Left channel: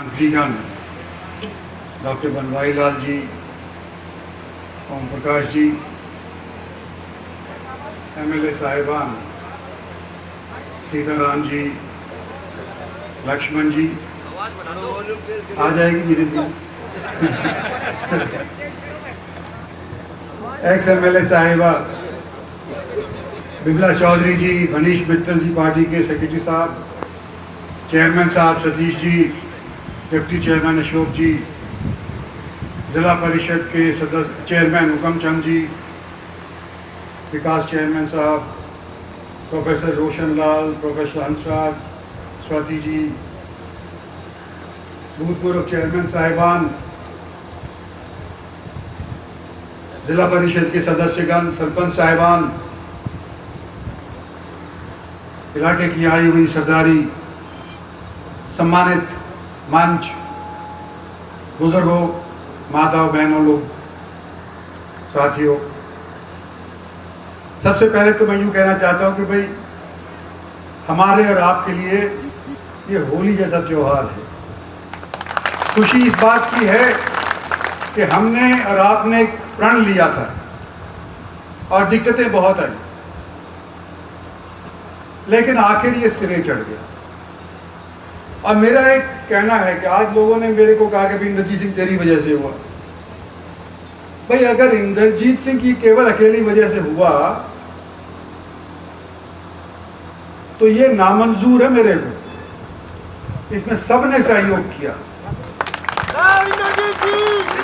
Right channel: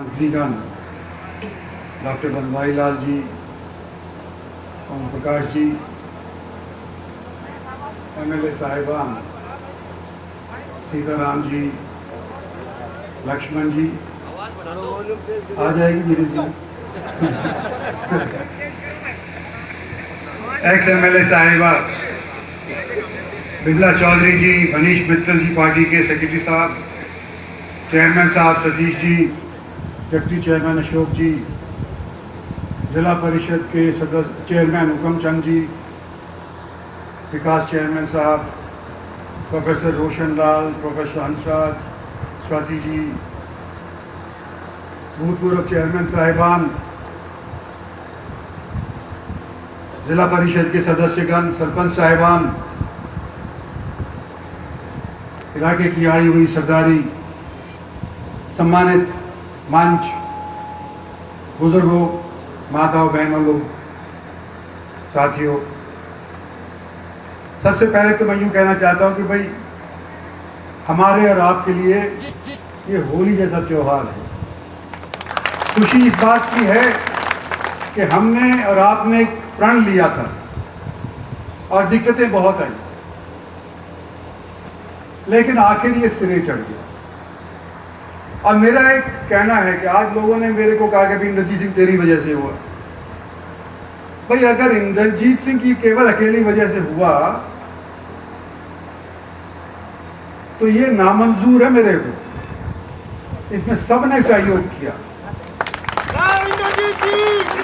मंत्रीगण, doctor Banwari Lal ji, Om Prakash ji, MLA साहिबान, सीताराम जी, लक्ष्मण जी, आ जाएगी धीरे धीरे, एक्स एमएलए साहिबा बिमला चौधरी जी, मनीष मित्तल जी पार्टी के सेक्रेटरी साहब, चेयरमैन साहब सतीश जी, डिप्टी चेयरमैन अशोक जी, जिला परिषद के सदस्य चेयरमैन हुकम चंद जी, विकास चेयरमैन साहब, प्रोफेसर रोशन लाल, प्रोफेसर हंसराज, स्वाति जी, भूतपूर्व चेयरमैन साहिबान, जिला परिषद के सदस्यगण, सरपंच साहिबान, इलाके की आई हुई सरदारी, सम्मानित मंच, बुजुर्गों, माताओं, बहनों, लोग, साथियों, सबसे पहले तो मैं यूँ कहना चाहता हूँ कि भाई हमारे और आपके लिए ये होली जैसा त्योहार है। खुशी इस बात की है कि हमने और आपने एक प्रण लिया था और दिक्कतें बहुत आई, लेकिन आखिर ये सिरे चढ़ गया। और मेरा एक कहना है कि आज लोगों ने मेरे को कहा कि इंद्रजीत सिंह तेरी वजह से हुआ। भाई अगर इंद्रजीत सिंह की केवल अकेली वजह से हुआ तो ये नामंजूर है मेरे को। इसमें सबने सहयोग किया,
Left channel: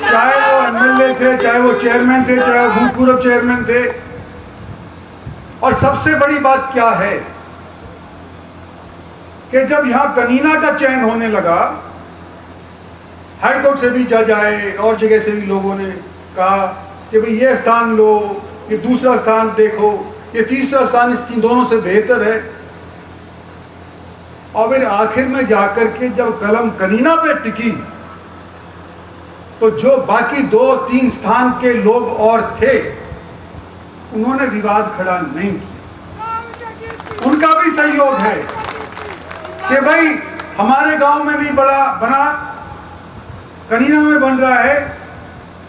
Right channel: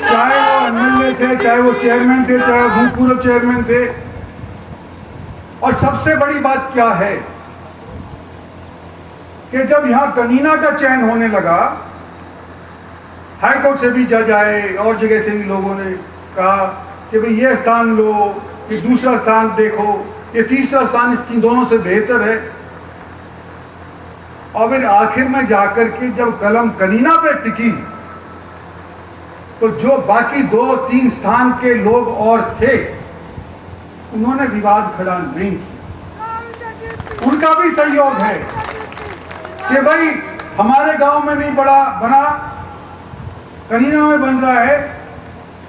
चाहे वो एमएलए थे, चाहे वो चेयरमैन थे, चाहे वो भूतपूर्व चेयरमैन थे। और सबसे बड़ी बात क्या है कि जब यहां कनीना का चयन होने लगा, हाईकोर्ट से भी जज आए और जगह से भी लोगों ने कहा कि भाई ये स्थान लो, ये दूसरा स्थान देखो, ये तीसरा स्थान इन दोनों से बेहतर है। और फिर आखिर में जाकर के जब कलम कनीना पे टिकी तो जो बाकी 2-3 स्थान के लोग और थे उन्होंने विवाद खड़ा नहीं किया। उनका भी सहयोग है कि भाई हमारे गांव में नहीं बना, कनीना में बन रहा है,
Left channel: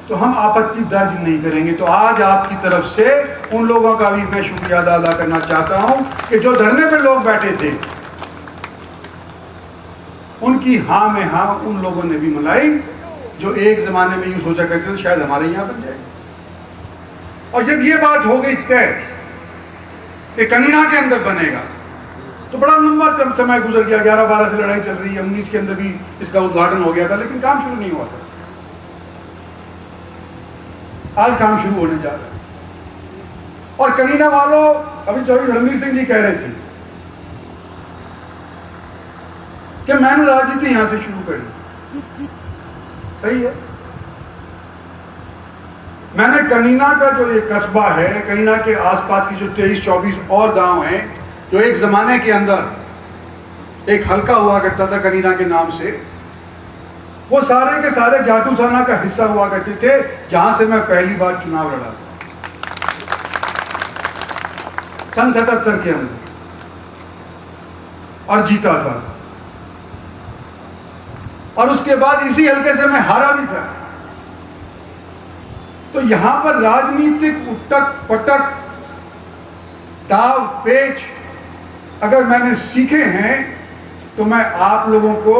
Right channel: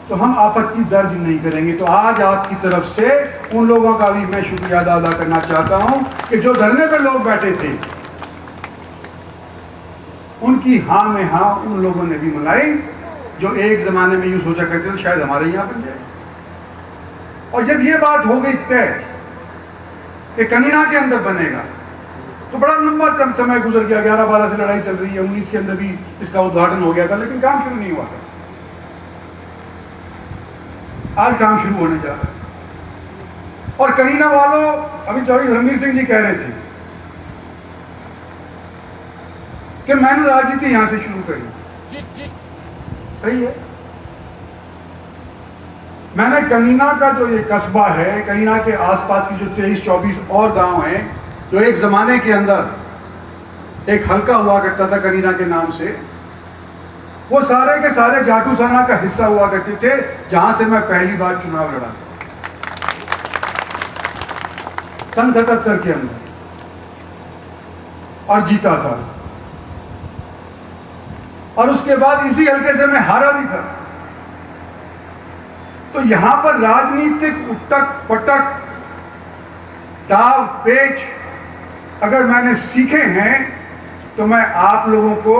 तो हम आपत्ति दर्ज नहीं करेंगे। तो आज आपकी तरफ से उन लोगों का भी मैं शुक्रिया अदा करना चाहता हूं कि जो धरने पर लोग बैठे थे उनकी हां में हां उन लोगों ने भी मिलाई जो एक जमाने में यूं सोचा करते थे शायद हमारे यहां बन जाए। और जब ये बात हो गई तय कि कनीना के अंदर बनेगा तो बड़ा लंबा समय गुजर गया, 11-12 से लड़ाई चल रही है, 19 के अंदर भी इसका उद्घाटन हो गया था, लेकिन काम शुरू नहीं हुआ था। आज काम शुरू होने जा रहा है। और कनीना वालों, अभी चौधरी धर्मवीर सिंह जी कह रहे थे कि मैंने राजनीति यहां से शुरू करी। सही है, मैंने कनीना का जो ये कस्बा है, कनीना के आसपास की जो 23-24 और गांव हैं जो एक जमाने के अंदर एक हल्का हुआ करता था कनीना के नाम से, वो सारे के सारे जाटूसाना का हिस्सा हुआ करते थे, जहां से मैं पहली बार चुनाव लड़ा था सन 77 के अंदर और जीता था। और उसके बाद इसी हल्के से मैं हारा भी था। तो यहां पर राजनीतिक उटक पटक, दाव पेच अगर मैंने सीखे हैं तो मैं आप लोगों को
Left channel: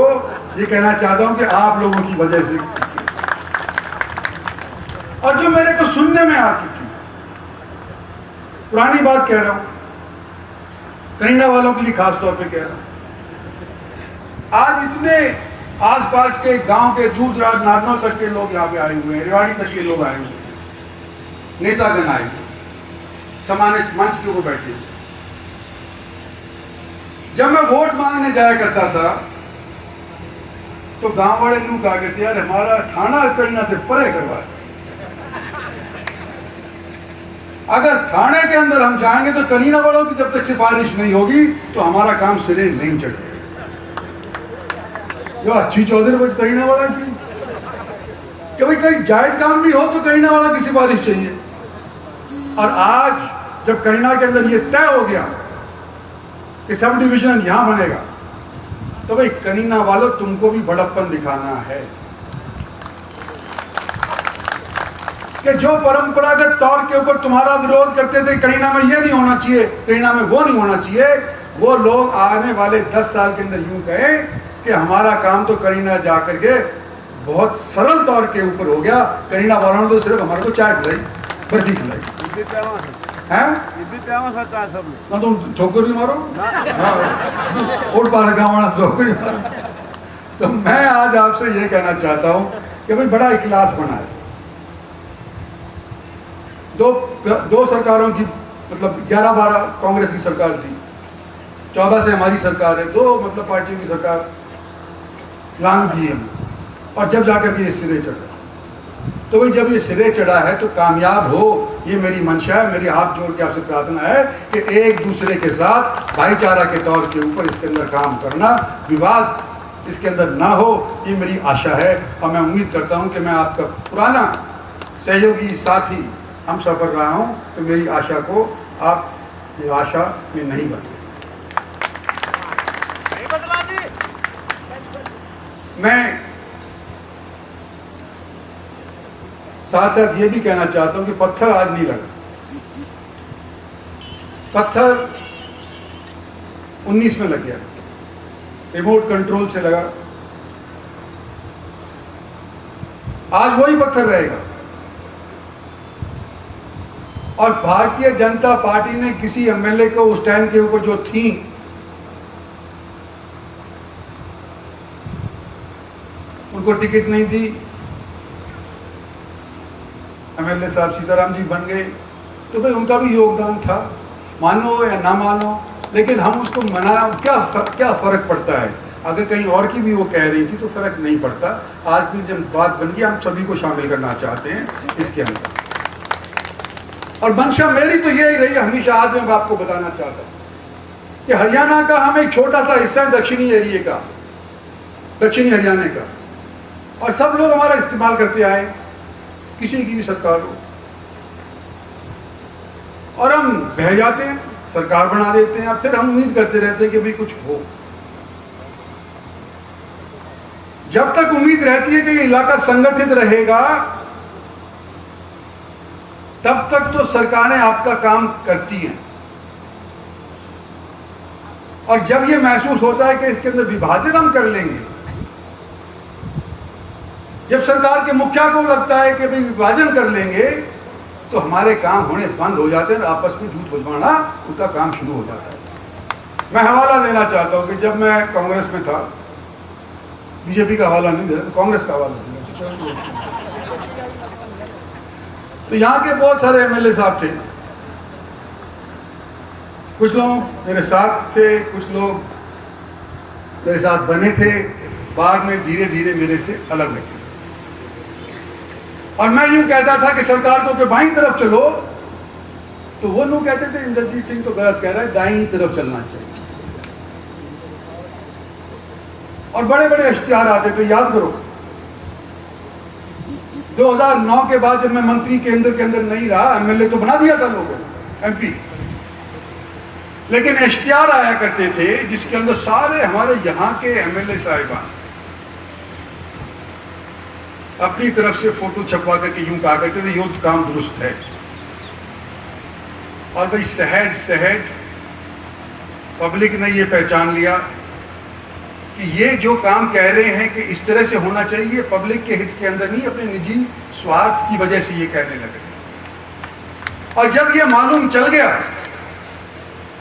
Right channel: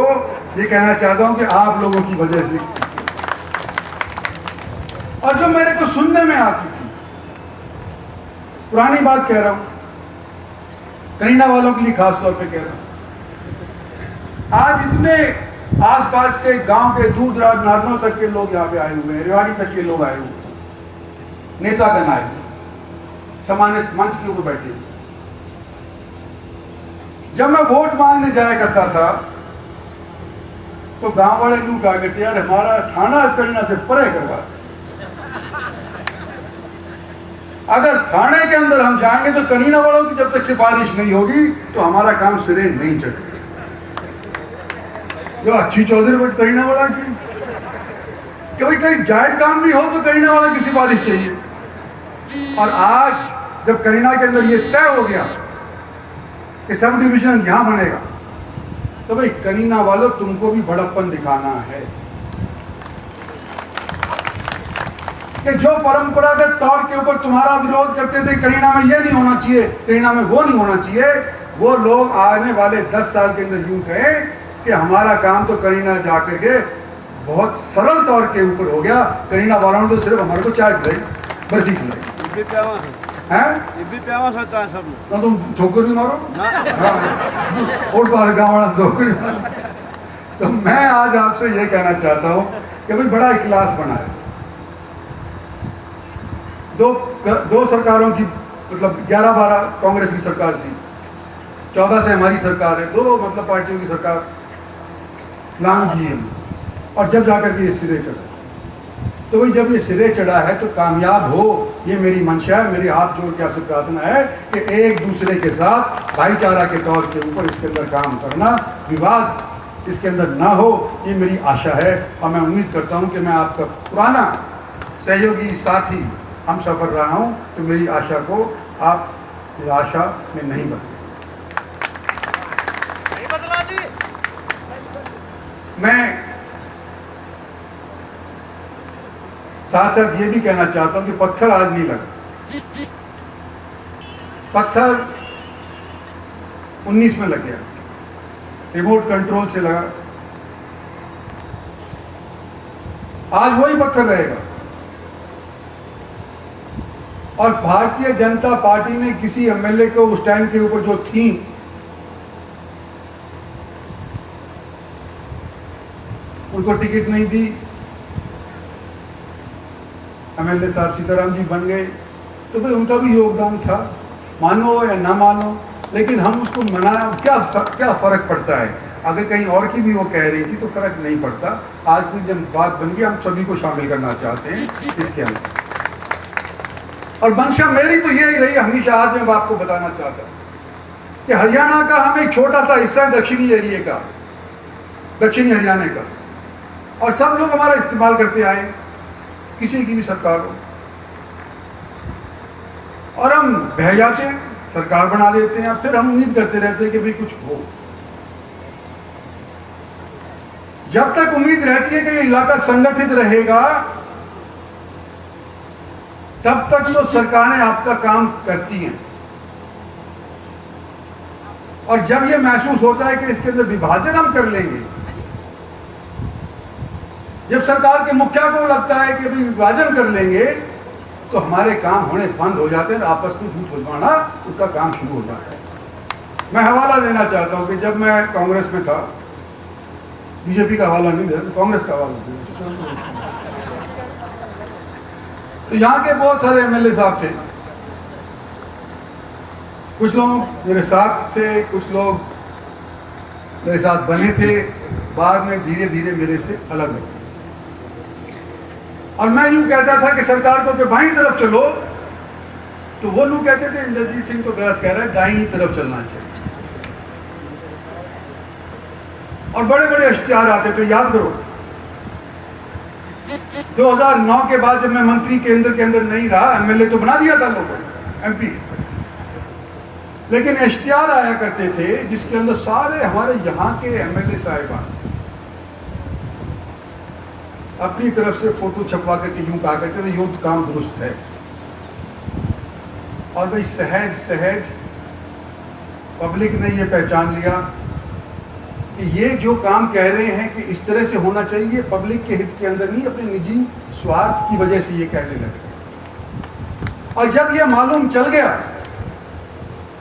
ये कहना चाहता हूं कि आप लोगों की वजह से, और जो मेरे को सुनने में आ चुकी, पुरानी बात कह रहा हूं, कनीना वालों के लिए खास तौर पे कह रहा हूं। आज इतने आसपास के गांव के दूर दराज नादनों तक के लोग यहां पे आए हुए हैं, रेवाड़ी तक के लोग आए हुए हैं, नेतागण आए, सम्मानित मंच के ऊपर बैठे। जब मैं वोट मांगने जाया करता था तो गांव वाले लोग कहा करते यार हमारा थाना कनीना से परे करवा, अगर थाने के अंदर हम जाएंगे तो कनीना वालों की जब तक सिफारिश नहीं होगी तो हमारा काम सिरे नहीं चढ़ेगा। जो अच्छी चौधरी करीना वाला की कभी कहीं जायज काम भी हो तो करीना वाला की सिफारिश चाहिए। और आज जब करीना के अंदर ये तय हो गया कि सब डिवीजन यहां बनेगा तो भाई करीना वालों, तुमको भी बड़प्पन दिखाना है कि जो परंपरागत तौर के ऊपर तुम्हारा विरोध करते थे, करीना में ये नहीं होना चाहिए, करीना में वो नहीं होना चाहिए, वो लोग आने वाले 10 साल के अंदर यूं कहें कि हमारा काम तो करीना जाकर के बहुत सरल तौर के ऊपर हो गया। करीना वालों ने तो सिर्फ हमारे को चाय पिलाई, बर्फी खिलाई है। ना तुम ठोकर भी मारो, और बाहर गाँव वाला ठोकर भी मारो। तो मैं आज आपसे ये कहना चाहता हूं कि भाई बड़ा इखलास बना है। दो सरकारों की, मतलब 11-12 कांग्रेस की सरकार थी, 14 से हमारी सरकार है, दो मतलब पार्टियों की सरकार लांग की है, और जब जाकर के ये सिरे चढ़ा, तो भाई जब ये सिरे चढ़ा है तो कामयाब हो, ये मेरी मंशा है, मेरी हाथ जोड़ के आपसे प्रार्थना है कि एक दूसरे के साथ भाईचारा के तौर के ऊपर इसके अंदर काम करना, विवाद इसके अंदर ना हो, ये मेरी आशा है। और मैं उम्मीद करता हूं कि मैं आपका पुराना सहयोगी साथी हम सफर रहा हूं, तो मेरी आशा को आप निराशा में नहीं बदले। मैं साथ साथ ये भी कहना चाहता हूं कि पत्थर आज नहीं लगा, पत्थर 19 में लग गया, रिमोट कंट्रोल से लगा, आज वही पत्थर रहेगा। और भारतीय जनता पार्टी ने किसी एमएलए को उस टाइम के ऊपर जो थी, उनको टिकट नहीं दी, एमएलए साहब सीताराम जी बन गए, तो भाई उनका भी योगदान था, मानो या ना मानो, लेकिन हम उसको मना, क्या फर्क पड़ता है? अगर कहीं और की भी वो कह रही थी तो फर्क नहीं पड़ता। आज भी जब बात बन गई, हम सभी को शामिल करना चाहते हैं इसके अंदर, और मंशा मेरी तो यही रही हमेशा। आज मैं आपको बताना चाहता हूं कि हरियाणा का हम एक छोटा सा हिस्सा है, दक्षिणी एरिया का, दक्षिणी हरियाणा का, और सब लोग हमारा इस्तेमाल करते आए, किसी की भी सरकार हो, और हम बह जाते हैं, सरकार बना देते हैं, फिर हम उम्मीद करते रहते हैं कि भाई कुछ हो। जब तक उम्मीद रहती है कि ये इलाका संगठित रहेगा, तब तक तो सरकारें आपका काम करती हैं, और जब ये महसूस होता है कि इसके अंदर विभाजन हम कर लेंगे, जब सरकार के मुखिया को लगता है कि भाई विभाजन कर लेंगे, तो हमारे काम होने बंद हो जाते हैं, आपस में झूठ बुझवाना उसका काम शुरू हो जाता है। मैं हवाला देना चाहता हूं कि जब मैं कांग्रेस में था, बीजेपी का हवाला नहीं दे रहा, कांग्रेस का हवाला दिया, तो यहाँ के बहुत सारे एमएलए साहब थे, कुछ लोग मेरे साथ थे, कुछ लोग मेरे साथ बने थे, बाद में धीरे धीरे मेरे से अलग लगे, और मैं यूं कहता था कि सरकार को बाईं तरफ चलो, तो वो लोग कहते थे इंद्रजीत सिंह तो गलत कह रहा है, दाईं तरफ चलना चाहिए, और बड़े बड़े इश्तिहार आते थे। याद करो 2009 के बाद जब मैं मंत्री केंद्र के अंदर नहीं रहा, एमएलए तो बना दिया था लोगों ने, एमपी, लेकिन इश्तिहार आया करते थे जिसके अंदर सारे हमारे यहाँ के एमएलए साहिबान अपनी तरफ से फोटो छपवा करके यूं कहा करते थे, यो काम दुरुस्त है। और भाई सहज सहज पब्लिक ने ये पहचान लिया कि ये जो काम कह रहे हैं कि इस तरह से होना चाहिए, पब्लिक के हित के अंदर नहीं, अपने निजी स्वार्थ की वजह से ये कहने लगे। और जब ये मालूम चल गया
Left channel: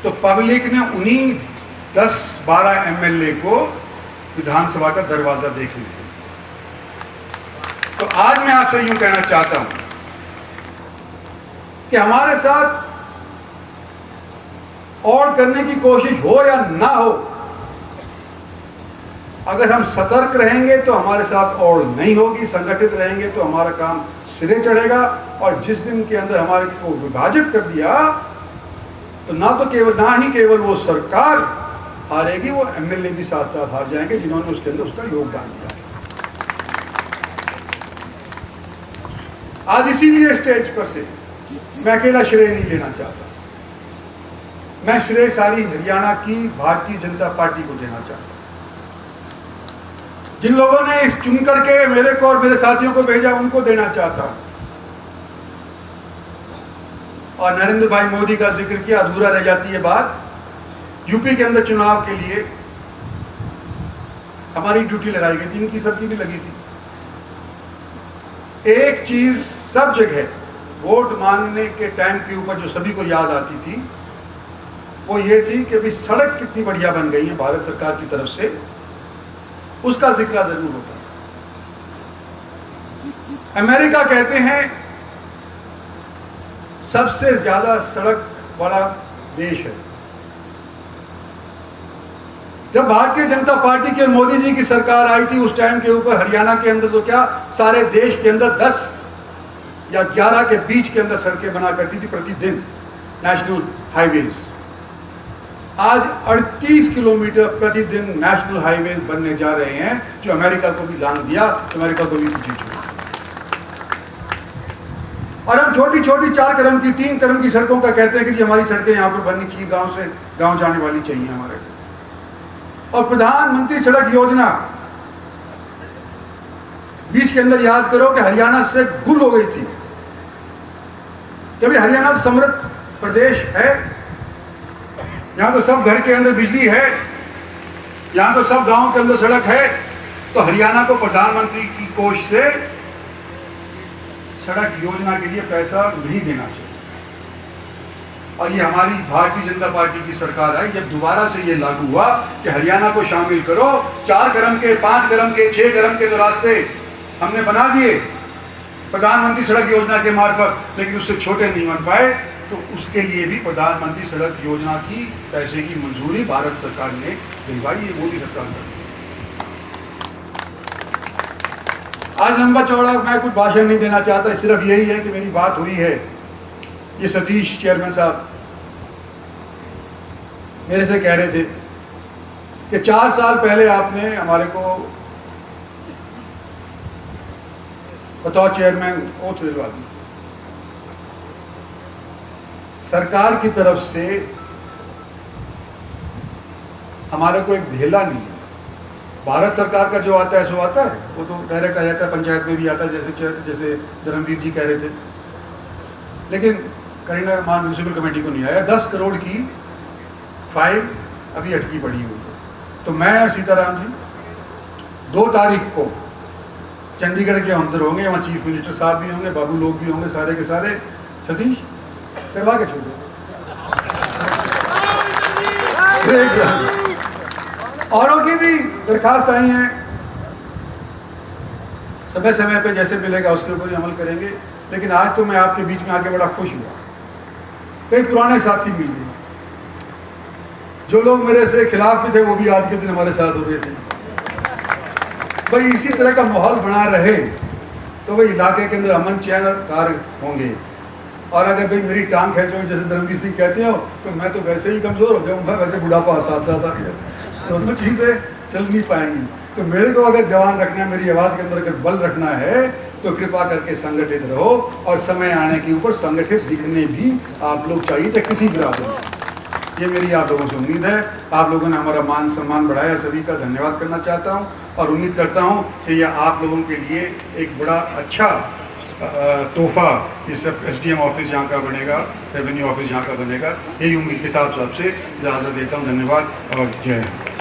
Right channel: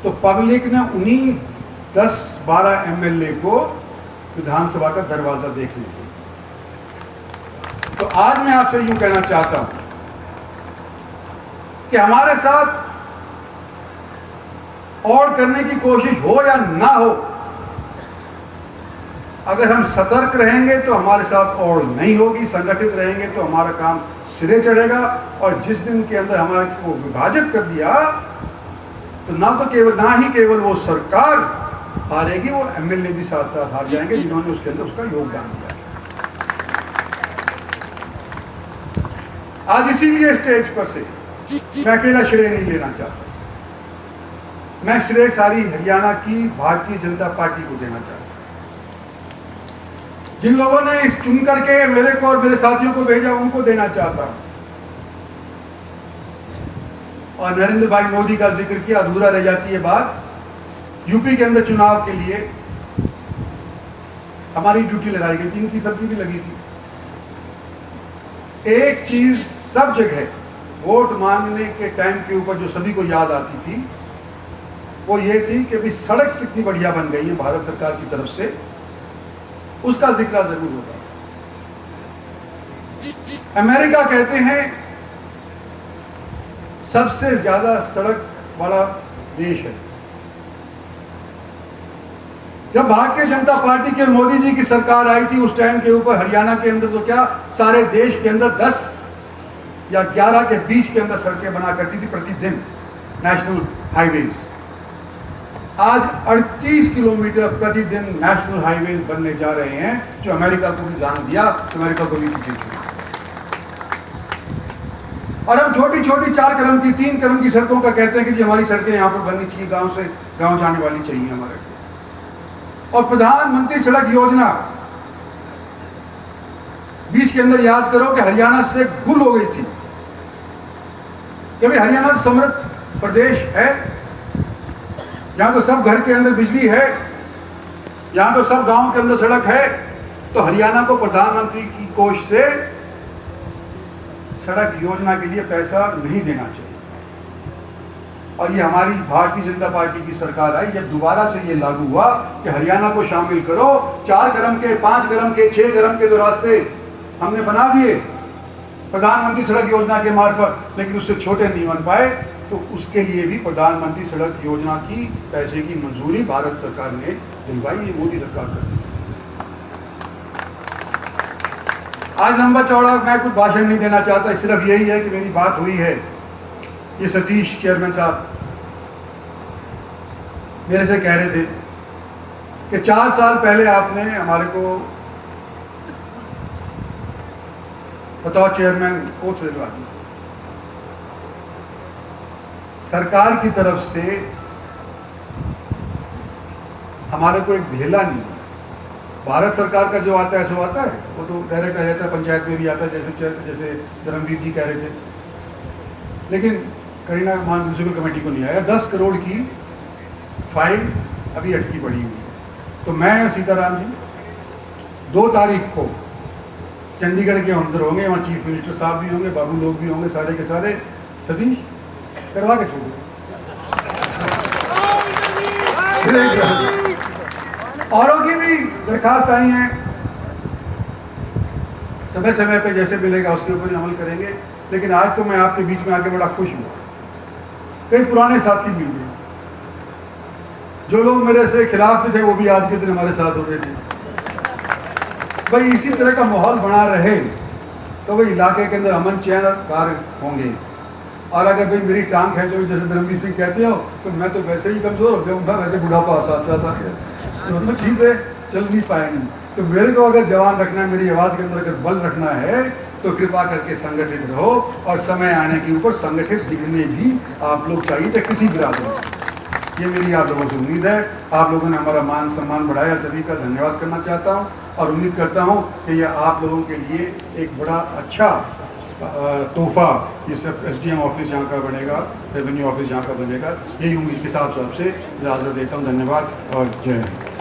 तो पब्लिक ने उन्हीं 10-12 एमएलए को विधानसभा का दरवाजा देख लिया। तो आज मैं आपसे यूं कहना चाहता हूं कि हमारे साथ और करने की कोशिश हो या ना हो, अगर हम सतर्क रहेंगे तो हमारे साथ और नहीं होगी, संगठित रहेंगे तो हमारा काम सिरे चढ़ेगा। और जिस दिन के अंदर हमारे को विभाजित कर दिया, तो ना ही केवल वो सरकार हारेगी, वो एमएलए भी साथ साथ हार जाएंगे जिन्होंने उसके अंदर उसका योगदान दिया। आज इसीलिए स्टेज पर से मैं अकेला श्रेय नहीं लेना चाहता, मैं श्रेय सारी हरियाणा की भारतीय जनता पार्टी को देना चाहता हूं। जिन लोगों ने इस चुन करके मेरे को और मेरे साथियों को भेजा, उनको देना चाहता हूं। और नरेंद्र भाई मोदी का जिक्र किया, अधूरा रह जाती है बात। यूपी के अंदर चुनाव के लिए हमारी ड्यूटी लगाई गई थी, इनकी सबकी भी लगी थी। एक चीज सब जगह वोट मांगने के टाइम के ऊपर जो सभी को याद आती थी, वो ये थी कि भाई सड़क कितनी बढ़िया बन गई है भारत सरकार की तरफ से, उसका जिक्र जरूर होता है। अमेरिका कहते हैं सबसे ज्यादा सड़क वाला देश है। जब भारतीय जनता पार्टी के मोदी जी की सरकार आई थी, उस टाइम के ऊपर हरियाणा के अंदर तो क्या, सारे देश के अंदर 10 या 11 के बीच के अंदर सड़कें बना करती थी प्रतिदिन, नेशनल हाईवेज। आज 38 किलोमीटर प्रतिदिन नेशनल हाईवेज बनने जा रहे हैं, जो अमेरिका को भी लान दिया, अमेरिका को भी पीछे छोड़ा। और हम छोटी छोटी 4 कदम की, 3 कदम की सड़कों का कहते हैं कि जी हमारी सड़कें यहां पर बननी चाहिए, गांव से गांव जाने वाली चाहिए हमारे। और प्रधानमंत्री सड़क योजना बीच के अंदर याद करो कि हरियाणा से गुल हो गई थी। जब ये हरियाणा समृद्ध प्रदेश है, यहां तो सब घर के अंदर बिजली है, यहां तो सब गांव के अंदर सड़क है, तो हरियाणा को प्रधानमंत्री की कोष से सड़क योजना के लिए पैसा नहीं देना चाहिए। और ये हमारी भारतीय जनता पार्टी की सरकार आई, जब दोबारा से ये लागू हुआ कि हरियाणा को शामिल करो, 4 कदम के, 5 कदम के, 6 कदम के जो रास्ते हमने बना दिए प्रधानमंत्री सड़क योजना के मार्फत, लेकिन उससे छोटे नहीं बन पाए, तो उसके लिए भी प्रधानमंत्री सड़क योजना की पैसे की मंजूरी भारत सरकार ने दिलवाई, ये मोदी सरकार कर दी। आज लंबा चौड़ा मैं कुछ भाषण नहीं देना चाहता, सिर्फ यही है कि मेरी बात हुई है। ये सतीश चेयरमैन साहब मेरे से कह रहे थे कि 4 साल पहले आपने हमारे को बतौर चेयरमैन ओथ दिलवा दी। सरकार की तरफ से हमारे को एक ढेला नहीं है। भारत सरकार का जो आता है सो आता है, वो तो डायरेक्ट आ जाता है, पंचायत में भी आता है, जैसे धर्मवीर जी कह रहे थे। लेकिन करीना मान म्यूनसिपल कमेटी को नहीं आया। 10 करोड़ की फाइल अभी अटकी पड़ी हुई है। तो मैं सीताराम जी 2 तारीख को चंडीगढ़ के अंदर होंगे, वहाँ चीफ मिनिस्टर साहब भी होंगे, बाबू लोग भी होंगे, सारे के सारे। सतीश करवा के छोड़ो। औरों की भी दरखास्त आई है, समय समय पे जैसे मिलेगा उसके ऊपर ही अमल करेंगे। लेकिन आज तो मैं आपके बीच में आके बड़ा खुश हुआ, कई पुराने साथी मिल गए, जो लोग मेरे से खिलाफ भी थे वो भी आज के दिन हमारे साथ हो रहे थे। भाई इसी तरह का माहौल बना रहे तो भाई इलाके के अंदर अमन चैन और कार्य होंगे। और अगर भाई मेरी टांग है जो जैसे धर्मवीर सिंह कहते हो, तो मैं तो वैसे ही कमजोर हो जाऊंगा, वैसे बुढ़ापा साथ साथ आ गया, दोनों चीजें चल नहीं पाएंगी। तो मेरे को अगर जवान रखना है, मेरी आवाज के अंदर अगर बल रखना है, तो कृपा करके संगठित रहो। और समय आने के ऊपर संगठित दिखने भी आप लोग चाहिए, चाहे किसी भी राज में। ये मेरी आप लोगों से उम्मीद है। आप लोगों ने हमारा मान सम्मान बढ़ाया, सभी का धन्यवाद करना चाहता हूँ। और उम्मीद करता हूँ कि यह आप लोगों के लिए एक बड़ा अच्छा तोहफा इस SDM ऑफिस यहाँ का बनेगा, रेवेन्यू ऑफिस यहाँ का बनेगा। यही उम्मीद के साथ आपसे इजाज़त देता हूँ। धन्यवाद और जय हिंद।